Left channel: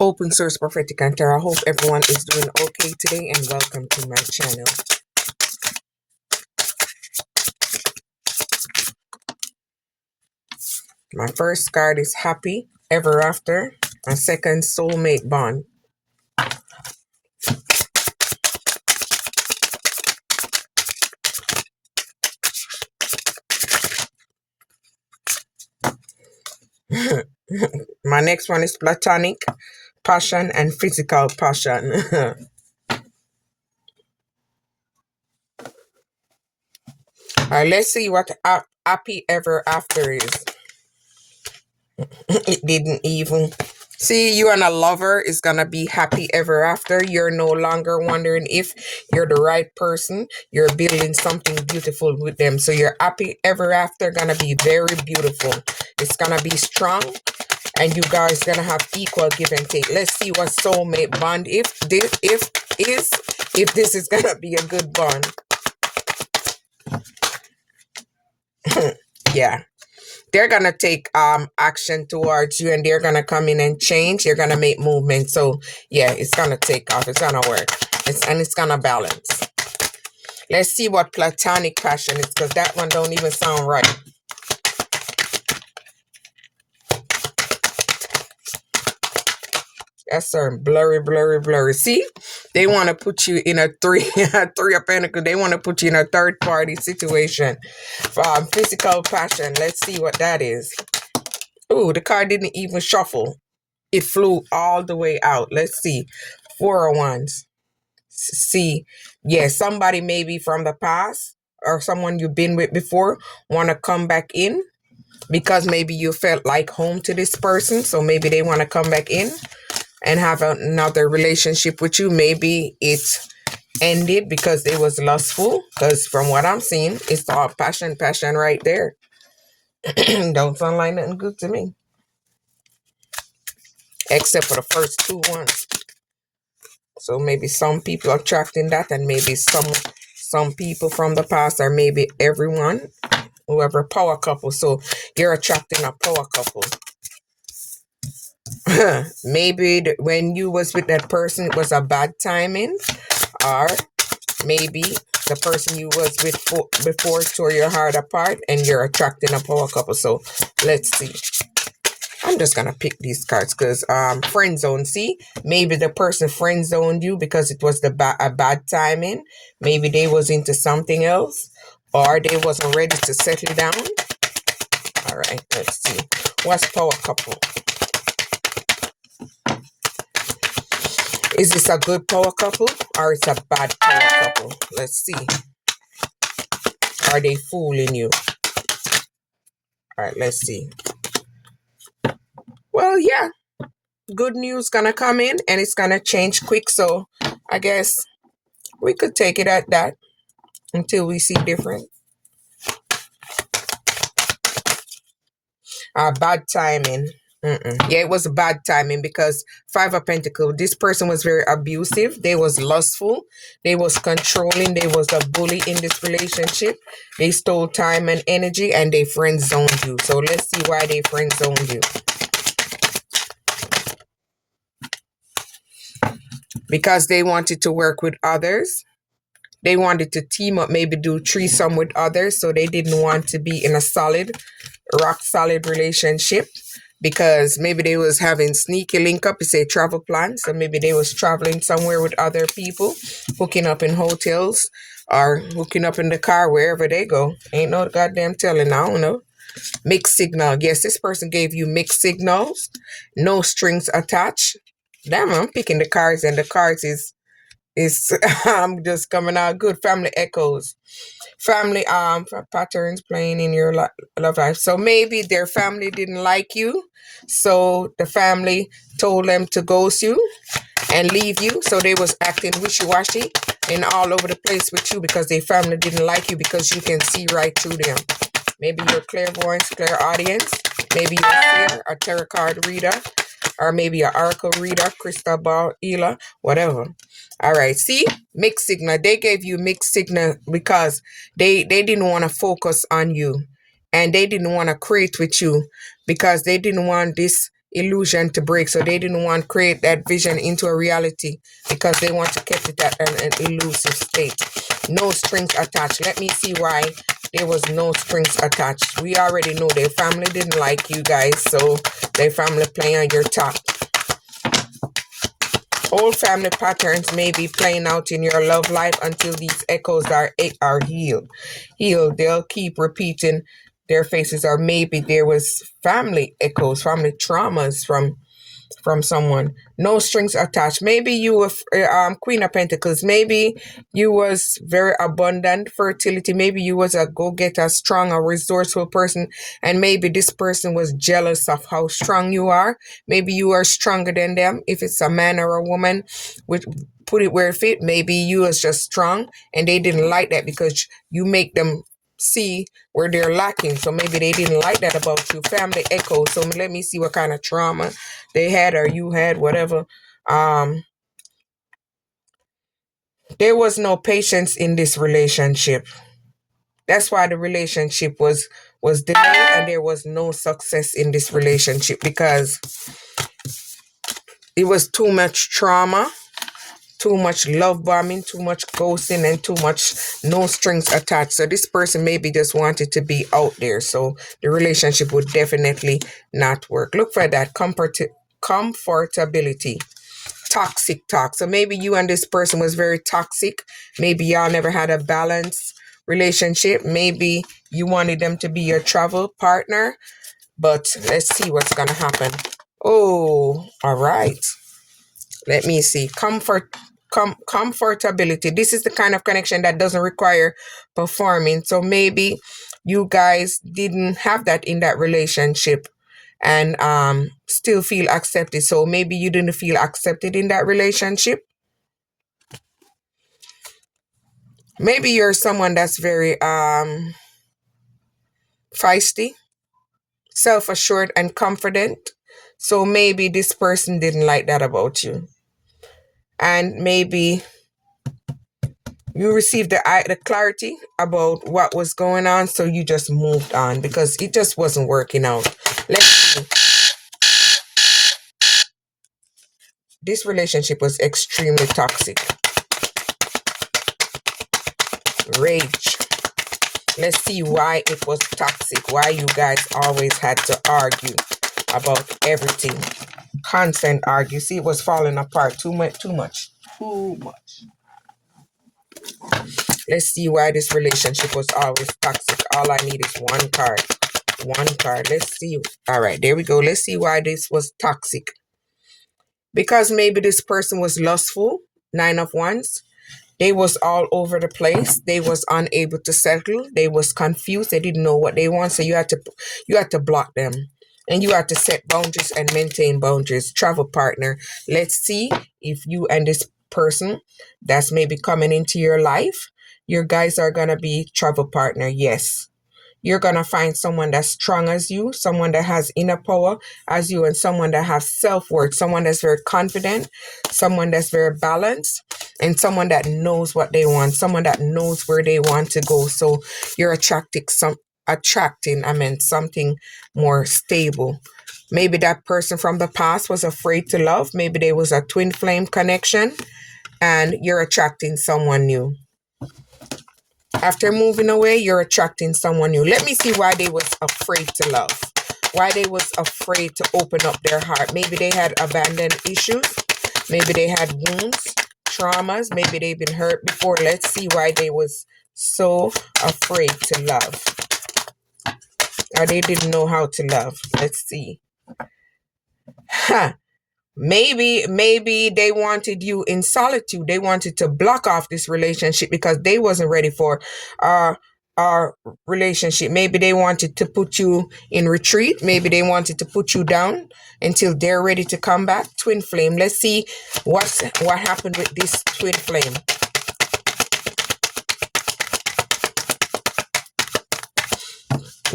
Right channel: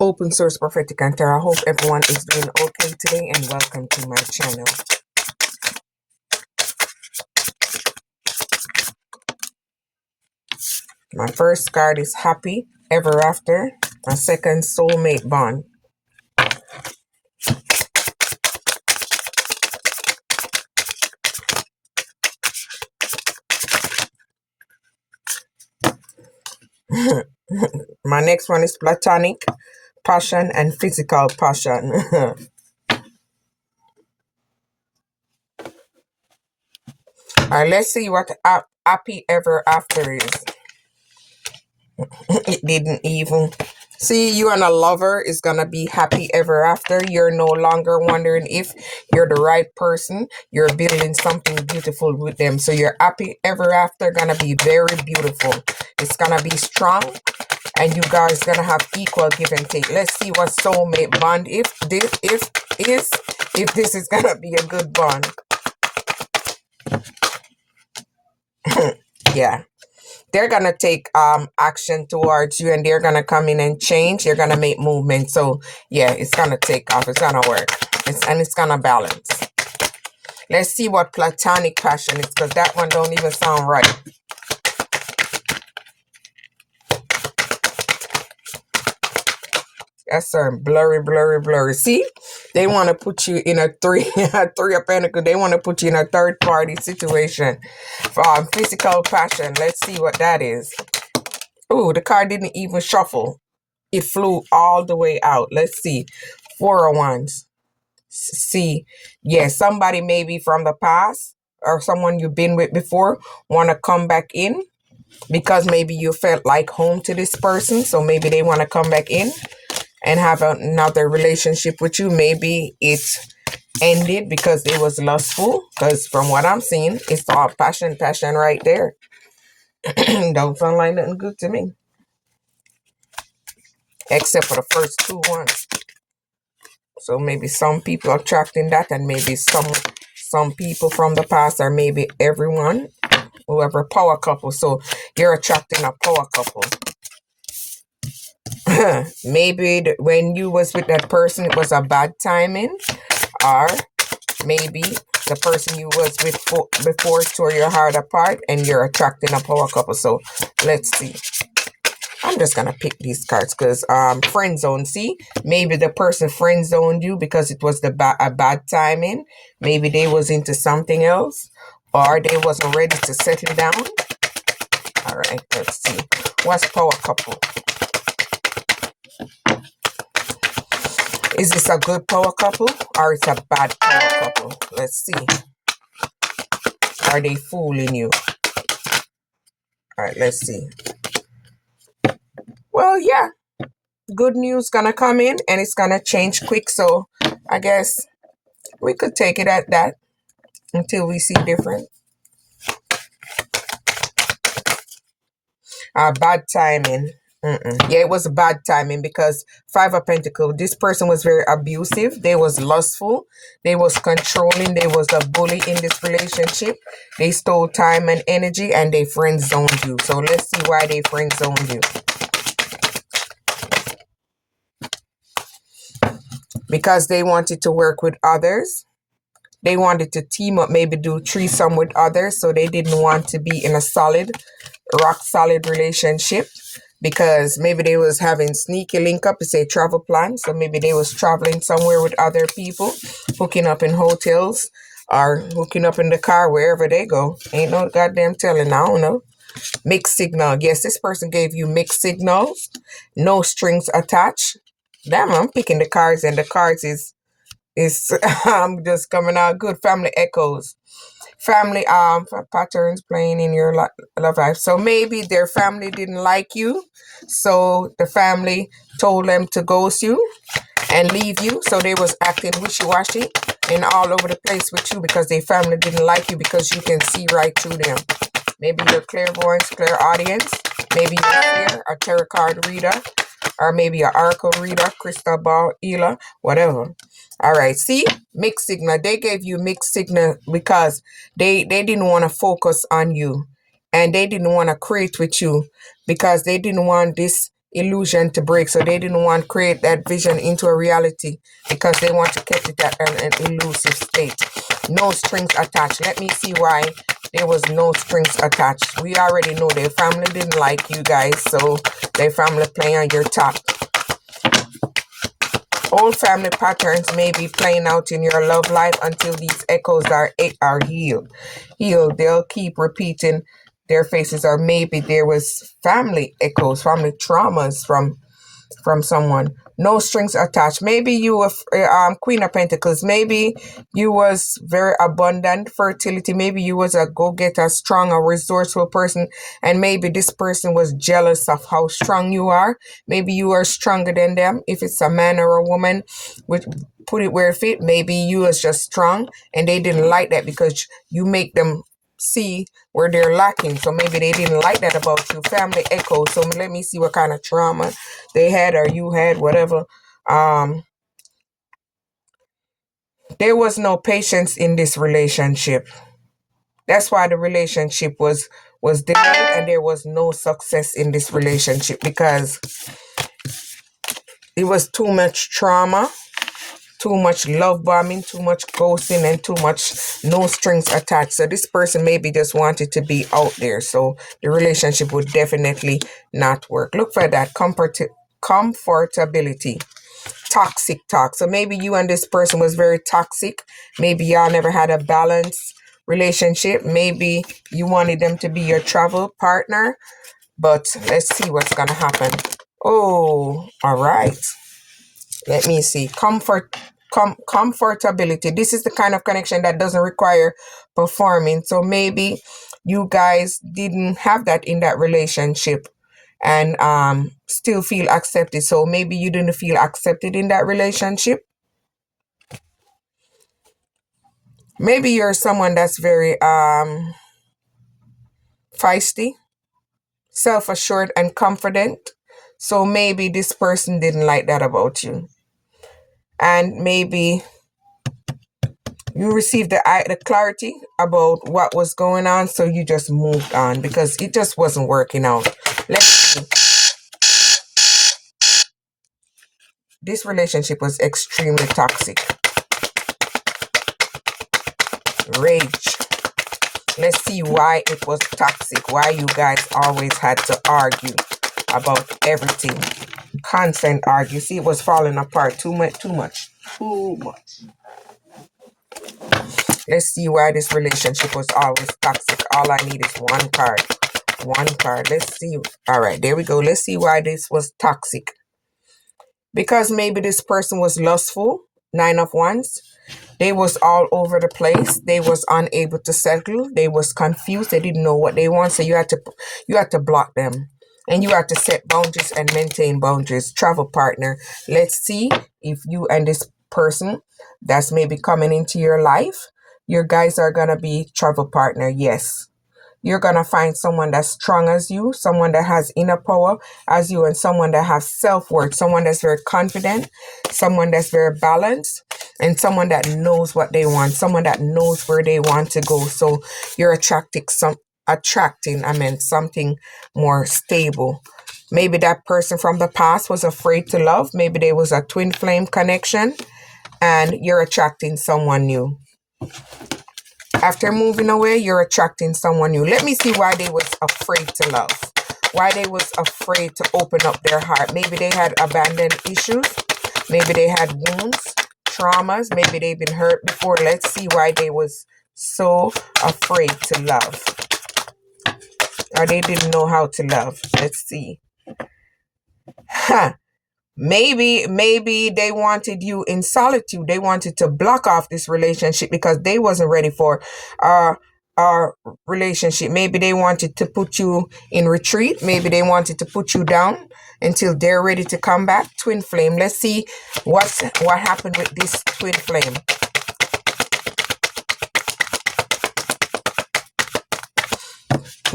Open Source Prophetic and Tarot. I hope everyone is doing okay today and welcome to my channel. My first card is Happy Ever After. My second, Soulmate Bond. My next one is Platonic Passion and Physical Passion. Alright, let's see what Happy Ever After is. It didn't even. See, you and a lover is gonna be happy ever after. You're no longer wondering if you're the right person. You're building something beautiful with them. So your happy ever after gonna be very beautiful. It's gonna be strong, and you guys gonna have equal give and take. Let's see what soulmate bond if this is gonna be a good bond. Yeah. They're gonna take action towards you, and they're gonna come in and change. They're gonna make movement. So yeah, it's gonna take off. It's gonna work. It's gonna balance. Let's see what platonic passion is, because that one don't even sound right. Yes, sir. Blurry, blurry, blurry. See, they want to put you in a three of pentacles. They want to put you in a third party situation. Physical passion. Let's see what that is. Ooh, the card didn't even shuffle. It flew all the way out. Let's see. Four of Wands. See, yeah, somebody maybe from the past or someone you've been with before want to come back in because maybe you felt like home to this person. So maybe they want to come back in and have another relationship with you. Maybe it ended because they was lustful, because from what I'm seeing, it's all passion right there. Don't sound like nothing good to me. Except for the first two ones. So maybe some people are attracting that, and maybe some people from the past, or maybe everyone, whoever power couple. So you're attracting a power couple. Maybe when you was with that person, it was a bad timing, or maybe the person you was with before tore your heart apart, and you're attracting a power couple. So let's see. I'm just gonna pick these cards because friend zone. See, maybe the person friend zoned you because it was a bad timing. Maybe they was into something else, or they wasn't ready to settle down. All right, let's see. What's power couple? Is this a good power couple or it's a bad power couple? Let's see. Are they fooling you? All right, let's see. Well, yeah. Good news gonna come in, and it's gonna change quick. So I guess we could take it at that until we see different. Bad timing. Yeah, it was a bad timing because Five of Pentacles, this person was very abusive. They was lustful. They was controlling. They was a bully in this relationship. They stole time and energy, and they friend zoned you. So let's see why they friend zoned you. Because they wanted to work with others. They wanted to team up, maybe do threesome with others. So they didn't want to be in a solid, rock solid relationship, because maybe they was having sneaky link up, say travel plans. So maybe they was traveling somewhere with other people, hooking up in hotels or hooking up in the car, wherever they go. Ain't no goddamn telling, I don't know. Mixed signal. Yes, this person gave you mixed signals, no strings attached. Damn, I'm picking the cards, and the cards is I'm just coming out good. Family echoes. Family patterns playing in your love life. So maybe their family didn't like you, so the family told them to ghost you and leave you. So they was acting wishy-washy and all over the place with you because their family didn't like you, because you can see right through them. Maybe you're clairvoyance, clairaudience. Maybe you're a tarot card reader, or maybe an oracle reader, crystal ball healer, whatever. All right, see, mixed signal. They gave you mixed signal because they didn't want to focus on you, and they didn't want to create with you because they didn't want this illusion to break. So they didn't want to create that vision into a reality because they want to keep it at an elusive state. No strings attached. Let me see why there was no strings attached. We already know their family didn't like you guys, so their family playing on your top. Old family patterns may be playing out in your love life until these echoes are healed. They'll keep repeating their faces, or maybe there was family echoes, family traumas from someone. No strings attached. Maybe you were Queen of Pentacles. Maybe you was very abundant fertility. Maybe you was a go-getter, strong, a resourceful person, and maybe this person was jealous of how strong you are. Maybe you are stronger than them. If it's a man or a woman, which put it where it fit. Maybe you was just strong, and they didn't like that because you make them see where they're lacking. So maybe they didn't like that about you. Family echo. So let me see what kind of trauma they had or you had, whatever. There was no patience in this relationship. That's why the relationship was delayed, and there was no success in this relationship because it was too much trauma, too much love bombing, too much ghosting, and too much no strings attached. So this person maybe just wanted to be out there. So the relationship would definitely not work. Look for that comfortability. Toxic talk. So maybe you and this person was very toxic. Maybe y'all never had a balanced relationship. Maybe you wanted them to be your travel partner. But let's see what's going to happen. Oh, all right. Let me see. Comfortability. This is the kind of connection that doesn't require performing. So maybe you guys didn't have that in that relationship and still feel accepted. So maybe you didn't feel accepted in that relationship. Maybe you're someone that's very feisty, self-assured, and confident. So maybe this person didn't like that about you. And maybe you received the clarity about what was going on, so you just moved on because it just wasn't working out. Let's see. This relationship was extremely toxic. Rage. Let's see why it was toxic, why you guys always had to argue about everything. Constant argue. See, it was falling apart too much. Let's see why this relationship was always toxic. All I need is one card. Let's see. All right, there we go. Let's see why this was toxic. Because maybe this person was lustful. 9 of Wands. They was all over the place. They was unable to settle. They was confused. They didn't know what they want. So you had to block them. And you had to set boundaries and maintain boundaries. Travel partner. Let's see if you and this person that's maybe coming into your life, your guys are going to be travel partner. Yes. You're going to find someone that's strong as you, someone that has inner power as you, and someone that has self-worth, someone that's very confident, someone that's very balanced, and someone that knows what they want, someone that knows where they want to go. So you're attracting something more stable. Maybe that person from the past was afraid to love. Maybe there was a twin flame connection, and you're attracting someone new. After moving away, you're attracting someone new. Let me see why they was afraid to love. Why they was afraid to open up their heart. Maybe they had abandoned issues. Maybe they had wounds, traumas. Maybe they've been hurt before. Let's see why they was so afraid to love. Or they didn't know how to love. Let's see. Maybe they wanted you in solitude. They wanted to block off this relationship because they wasn't ready for our relationship. Maybe they wanted to put you in retreat. Maybe they wanted to put you down until they're ready to come back. Twin flame. Let's see what happened with this twin flame.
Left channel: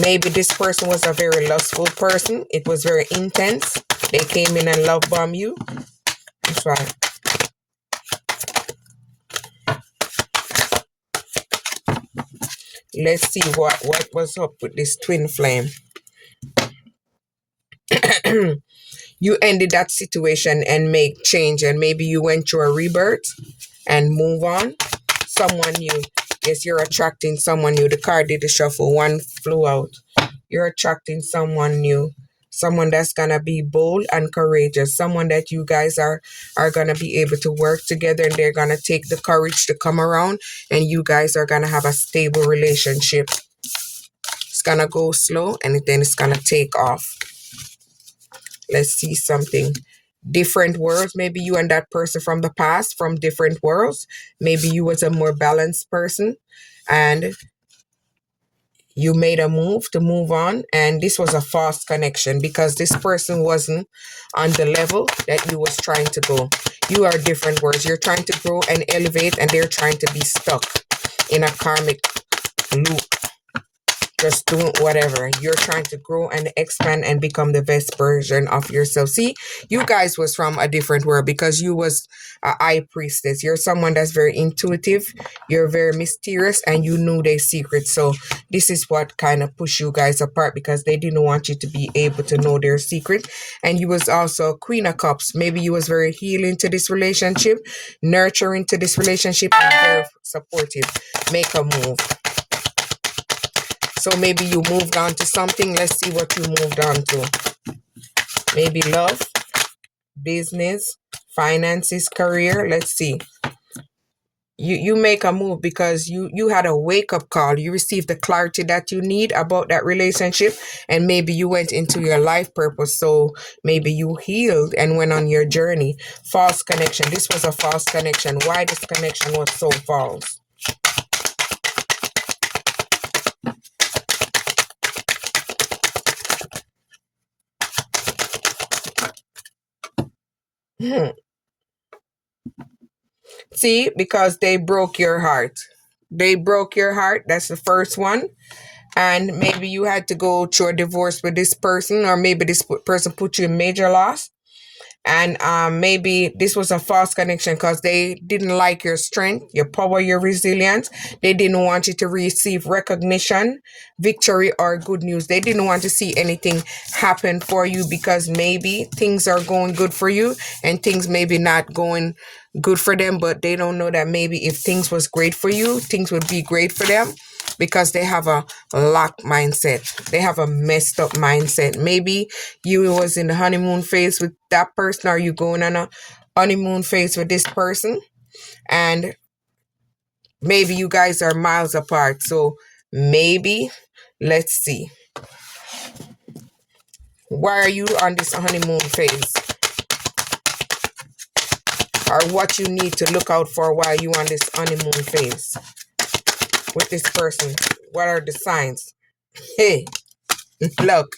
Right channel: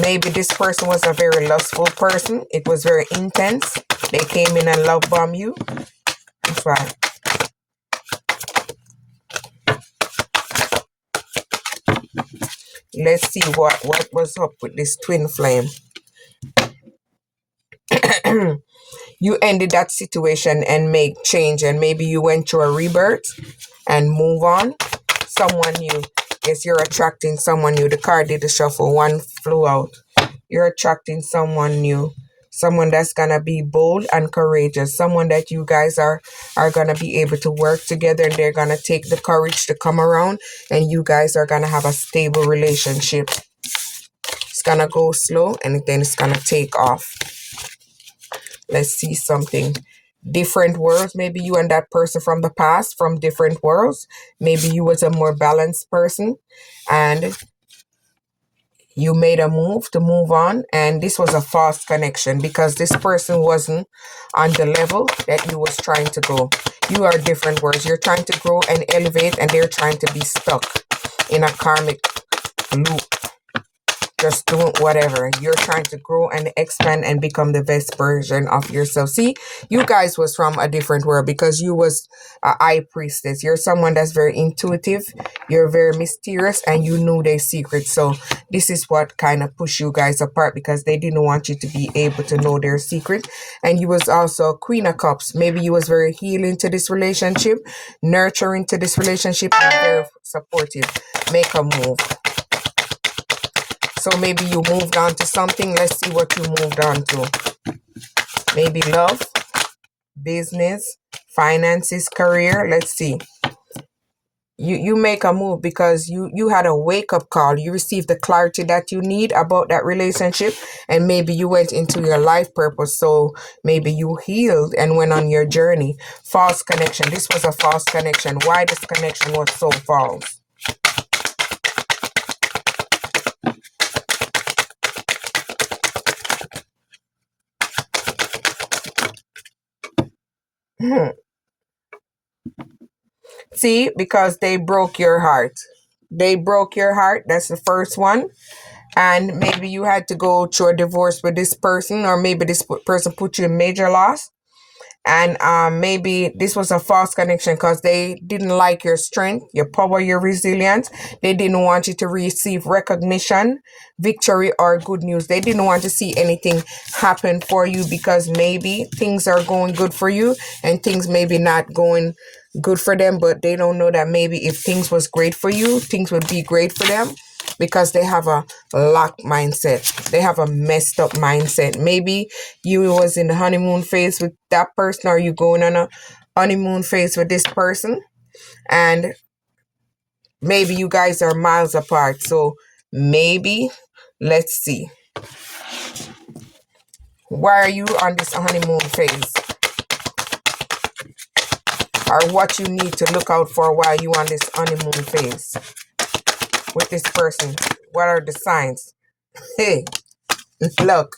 Maybe this person was a very lustful person. It was very intense. They came in and love bomb you. That's right. Let's see what was up with this twin flame. You ended that situation and make change, and maybe you went through a rebirth and move on. Someone new. Yes, you're attracting someone new. The card did the shuffle. One flew out. You're attracting someone new. Someone that's gonna be bold and courageous. Someone that you guys are gonna be able to work together, and they're gonna take the courage to come around, and you guys are gonna have a stable relationship. It's gonna go slow and then it's gonna take off. Let's see something. Different worlds. Maybe you and that person from the past, from different worlds. Maybe you was a more balanced person and you made a move to move on, and this was a false connection because this person wasn't on the level that you was trying to go. You are different worlds. You're trying to grow and elevate, and they're trying to be stuck in a karmic loop, just doing whatever. You're trying to grow and expand and become the best version of yourself. See, you guys was from a different world because you was a high priestess. You're someone that's very intuitive. You're very mysterious, and you knew their secrets. So this is what kind of pushed you guys apart, because they didn't want you to be able to know their secret. And you was also Queen of Cups. Maybe you was very healing to this relationship, nurturing to this relationship, and very supportive. Make a move. So maybe you moved on to something. Let's see what you moved on to. Maybe love, business, finances, career. Let's see. You make a move because you had a wake-up call. You received the clarity that you need about that relationship, and maybe you went into your life purpose. So maybe you healed and went on your journey. False connection. This was a false connection. Why this connection was so false? See, because they broke your heart. They broke your heart. That's the first one. And maybe you had to go through a divorce with this person, or maybe this person put you in major loss. And maybe this was a false connection because they didn't like your strength, your power, your resilience. They didn't want you to receive recognition, victory, or good news. They didn't want to see anything happen for you because maybe things are going good for you and things maybe not going good for them. But they don't know that maybe if things was great for you, things would be great for them, because they have a locked mindset. They have a messed up mindset. Maybe you was in the honeymoon phase with that person, or you going on a honeymoon phase with this person, and maybe you guys are miles apart. So maybe, let's see. Why are you on this honeymoon phase? Or what you need to look out for while you on this honeymoon phase with this person? What are the signs? Hey, look,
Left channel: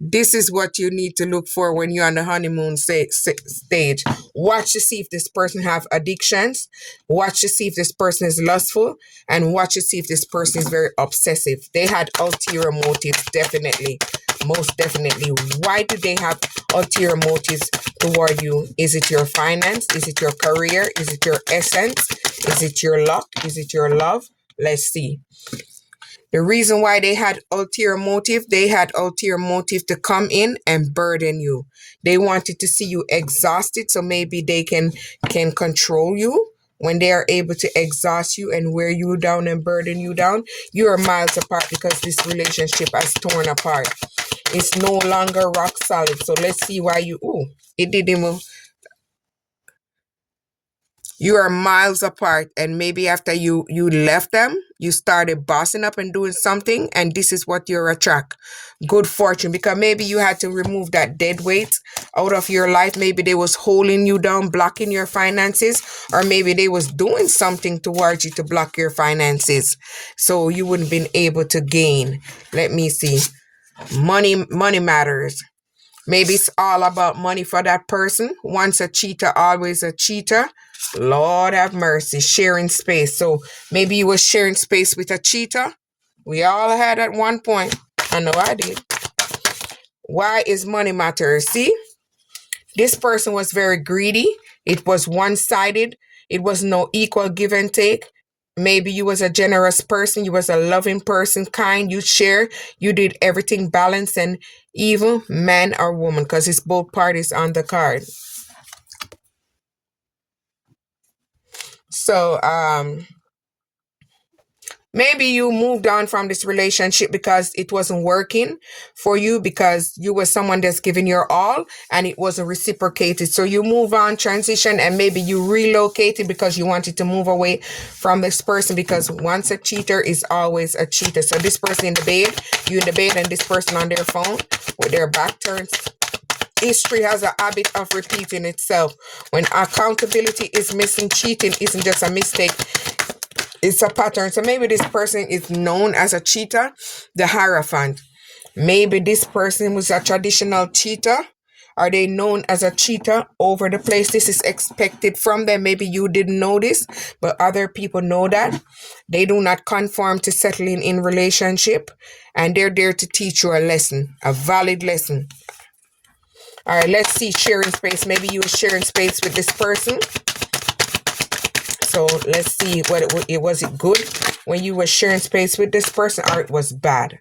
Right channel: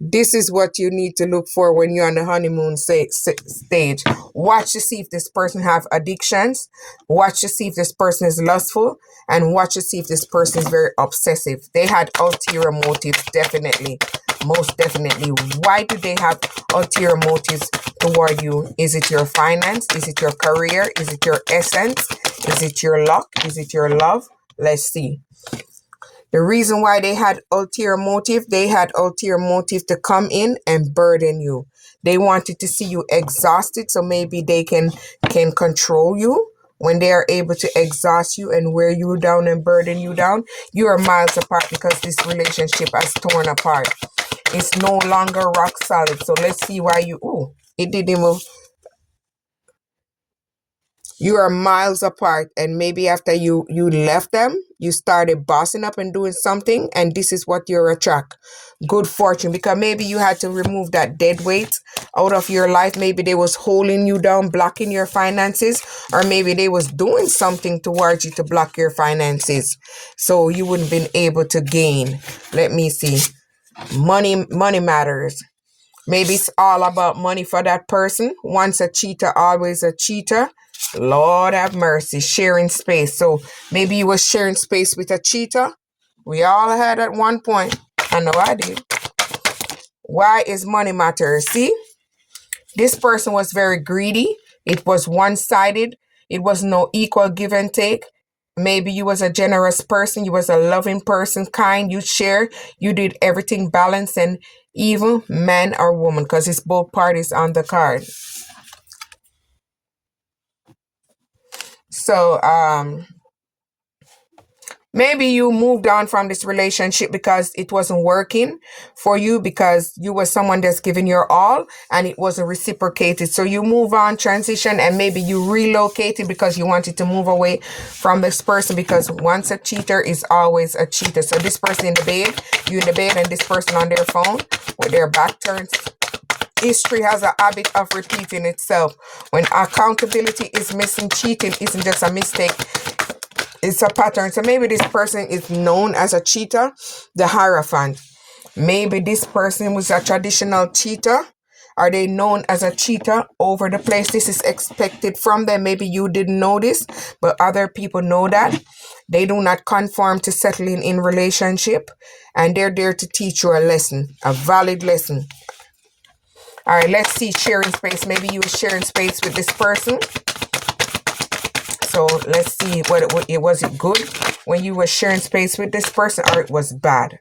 this is what you need to look for when you're on the honeymoon stage. Watch to see if this person have addictions. Watch to see if this person is lustful, and watch to see if this person is very obsessive. They had ulterior motives, definitely. Most definitely. Why do they have ulterior motives toward you? Is it your finance? Is it your career? Is it your essence? Is it your luck? Is it your love? Let's see. The reason why they had ulterior motive to come in and burden you. They wanted to see you exhausted, so maybe they can control you. When they are able to exhaust you and wear you down and burden you down, you are miles apart because this relationship has torn apart. It's no longer rock solid. So let's see why it didn't move. You are miles apart, and maybe after you left them, you started bossing up and doing something, and this is what you attract. Good fortune, because maybe you had to remove that dead weight out of your life. Maybe they was holding you down, blocking your finances, or maybe they was doing something towards you to block your finances, so you wouldn't been able to gain. Let me see. Money matters. Maybe it's all about money for that person. Once a cheater, always a cheater. Lord have mercy, sharing space. So maybe you was sharing space with a cheater. We all had at one point. I know I did. Why is money matter? See, this person was very greedy. It was one-sided. It was no equal give and take. Maybe you was a generous person. You was a loving person, kind. You share. You did everything balanced, and evil man or woman, because it's both parties on the card. So maybe you moved on from this relationship because it wasn't working for you, because you were someone that's giving your all and it wasn't reciprocated. So you move on, transition, and maybe you relocated because you wanted to move away from this person, because once a cheater is always a cheater. So this person in the bed, you in the bed, and this person on their phone with their back turned. History has a habit of repeating itself. When accountability is missing, cheating isn't just a mistake, it's a pattern. So maybe this person is known as a cheater, the Hierophant. Maybe this person was a traditional cheater. Are they known as a cheater over the place? This is expected from them. Maybe you didn't know this, but other people know that. They do not conform to settling in relationship, and they're there to teach you a lesson, a valid lesson. All right, let's see sharing space. Maybe you were sharing space with this person. So let's see what was it good when you were sharing space with this person, or it was bad?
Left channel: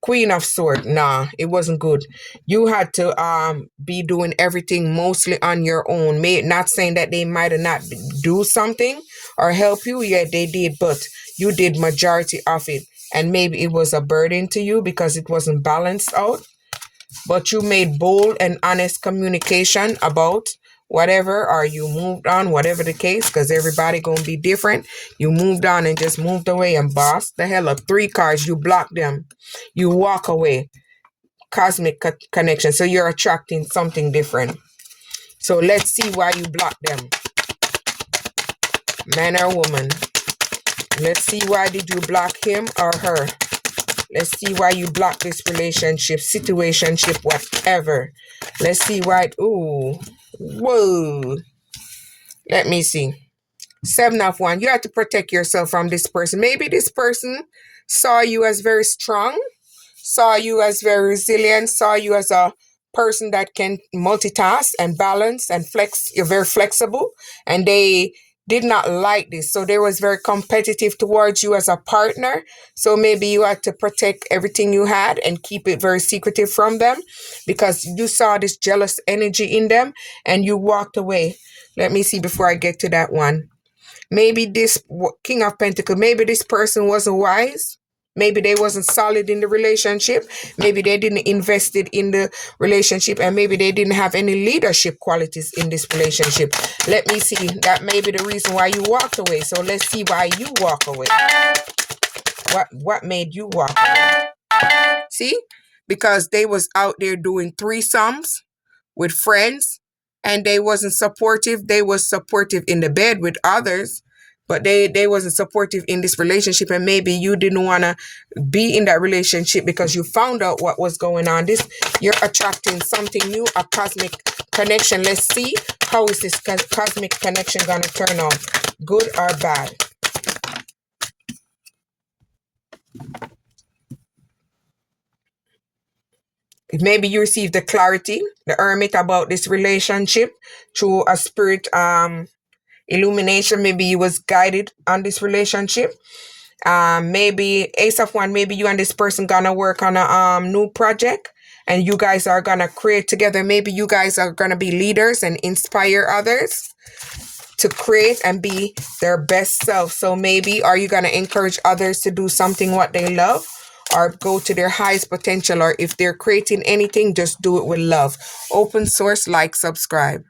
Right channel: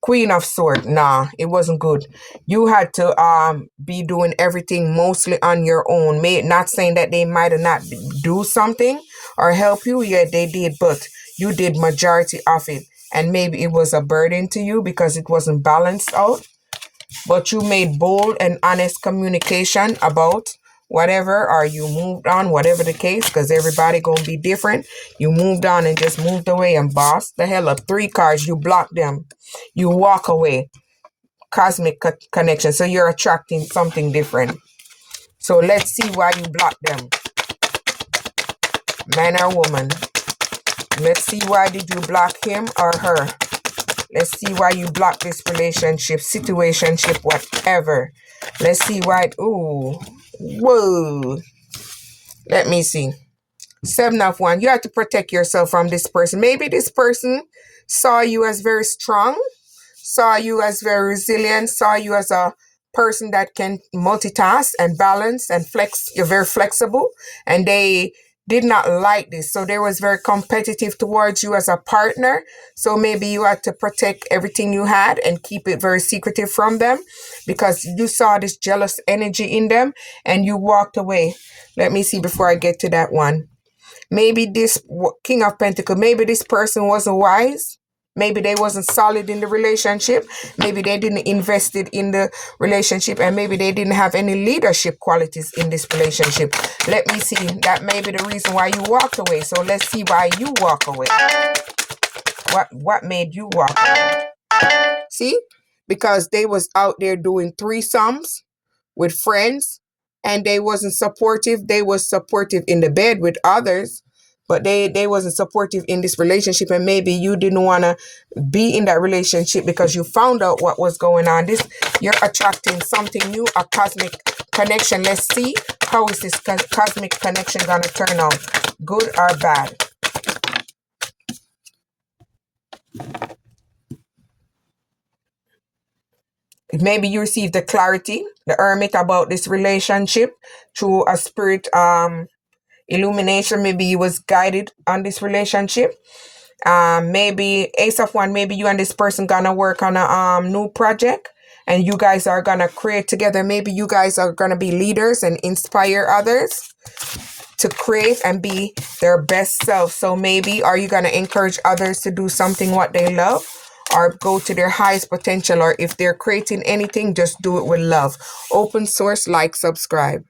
Queen of Swords. Nah, it wasn't good. You had to be doing everything mostly on your own. Not saying that they might have not do something or help you. Yeah, they did, but you did majority of it. And maybe it was a burden to you because it wasn't balanced out. But you made bold and honest communication about whatever, or you moved on, whatever the case, because everybody gonna be different. You moved on and just moved away and bossed the hell up. 3 cards, you block them. You walk away. Cosmic connection. So you're attracting something different. So let's see why you block them. Man or woman. Let's see why did you block him or her. Let's see why you block this relationship, situationship, whatever. Let's see why. Ooh. Whoa. Let me see. 7 of Wands. You have to protect yourself from this person. Maybe this person saw you as very strong, saw you as very resilient, saw you as a person that can multitask and balance and flex. You're very flexible, and they did not like this. So they was very competitive towards you as a partner. So maybe you had to protect everything you had and keep it very secretive from them because you saw this jealous energy in them and you walked away. Let me see before I get to that one. Maybe this King of Pentacles, maybe this person wasn't wise. Maybe they wasn't solid in the relationship. Maybe they didn't invest it in the relationship, and maybe they didn't have any leadership qualities in this relationship. Let me see. That may be the reason why you walked away. So let's see why you walk away. What made you walk away? See? Because they was out there doing threesomes with friends, and they wasn't supportive. They was supportive in the bed with others, but they wasn't supportive in this relationship, and maybe you didn't want to be in that relationship because you found out what was going on. You're attracting something new, a cosmic connection. Let's see how is this cosmic connection gonna turn out, good or bad. Maybe you received the clarity, the Hermit, about this relationship through a spirit illumination. Maybe you was guided on this relationship. Maybe Ace of Wands, maybe you and this person gonna work on a new project and you guys are gonna create together. Maybe you guys are gonna be leaders and inspire others to create and be their best self. So maybe are you gonna encourage others to do something what they love or go to their highest potential, or if they're creating anything, just do it with love. Open source, like, subscribe.